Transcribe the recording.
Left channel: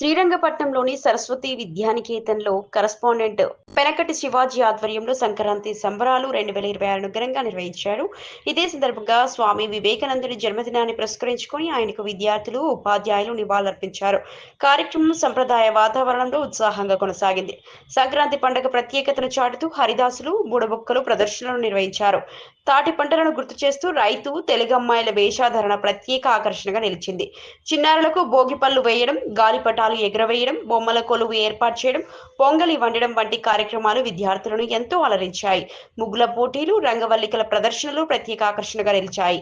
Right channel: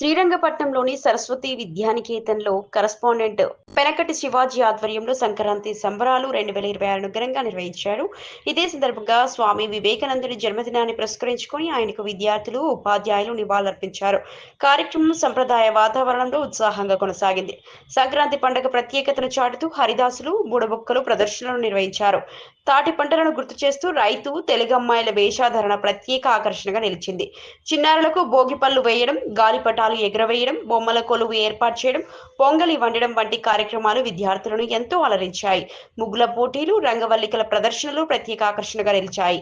శ్రీరంగపట్నంలోని Saraswati విద్యానికేతన్లో correspondent Penakati Shivaji ఆధ్వర్యంలో సంక్రాంతి సంబరాలు 2026ను ఘనంగా నిర్వహించారు. ఇదే సందర్భంగా స్వామి వివేకానందుని జన్మదినాన్ని పురస్కరించుకొని ఆయనకు విద్యార్థులు, ఉపాధ్యాయులు నివాళులర్పించారు. కార్యక్రమం సంప్రదాయ వాతావరణంలో ఉత్సాహంగా కొనసాగింది. సంక్రాంతి పండుగ ప్రత్యేకతను చాటుతూ హరిదాసులు, బుడబుక్కలు ప్రదర్శనలు నిర్వహించారు. తాటి పంటలను గుర్తు చేస్తూ రైతు, తెలుగమ్మాయిల వేషాధరణ ప్రత్యేక ఆకర్షణగా నిలిచింది. చిన్నారులకు భోగిపళ్ళు వేయడం, గాలిపటాలు ఎగురవేయడం, బొమ్మల కొలువు ఏర్పాటు చేయడం, పొంగలి వండడం వంటి కార్యక్రమాలు విద్యార్థులను ఎంతో అలరించాయి. ముగ్గుల పోటీలు, రంగవల్లికల ప్రదర్శనలు ప్రత్యేక ఆకర్షణగా నిలిచాయి.